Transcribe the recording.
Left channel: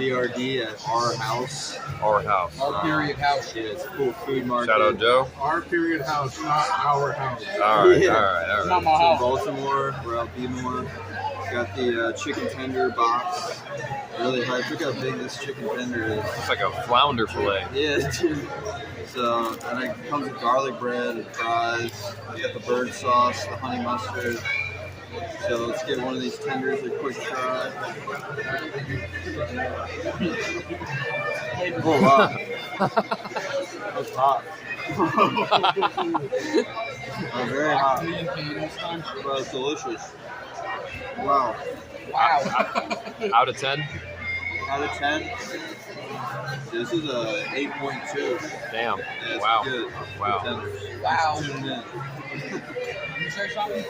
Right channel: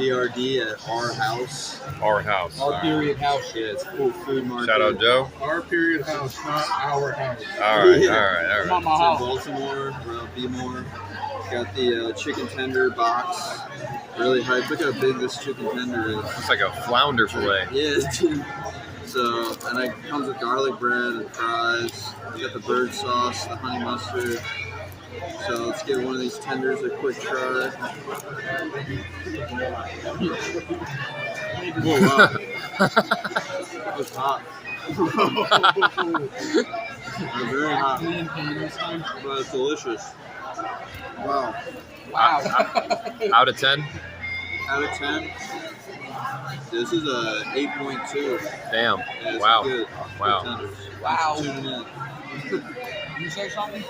BRD at our house. Our house. Our period house. Yeah, it's a cool food market. Shout out Joe. Our period house, not our house. All right, Yeah. all right, all Not right. my It's in house. Baltimore. We're out Bmore. Got the chicken tender box. Really hyped. Look how big this chicken tender is. It's like a flounder fillet. Yeah, dude. So, and it comes with garlic bread and fries. Got the bird sauce, the honey mustard. So let's give one of these tenders a quick try. Oh wow, that was hot. Very hot, Me and Kane this time. but it's delicious. Wow. Wow. Out of 10? Out of 10, this is a 8.2. Damn. Yeah, it's Wow. Good. Wow. Good tenders. Wow. Tune in. Can you say something?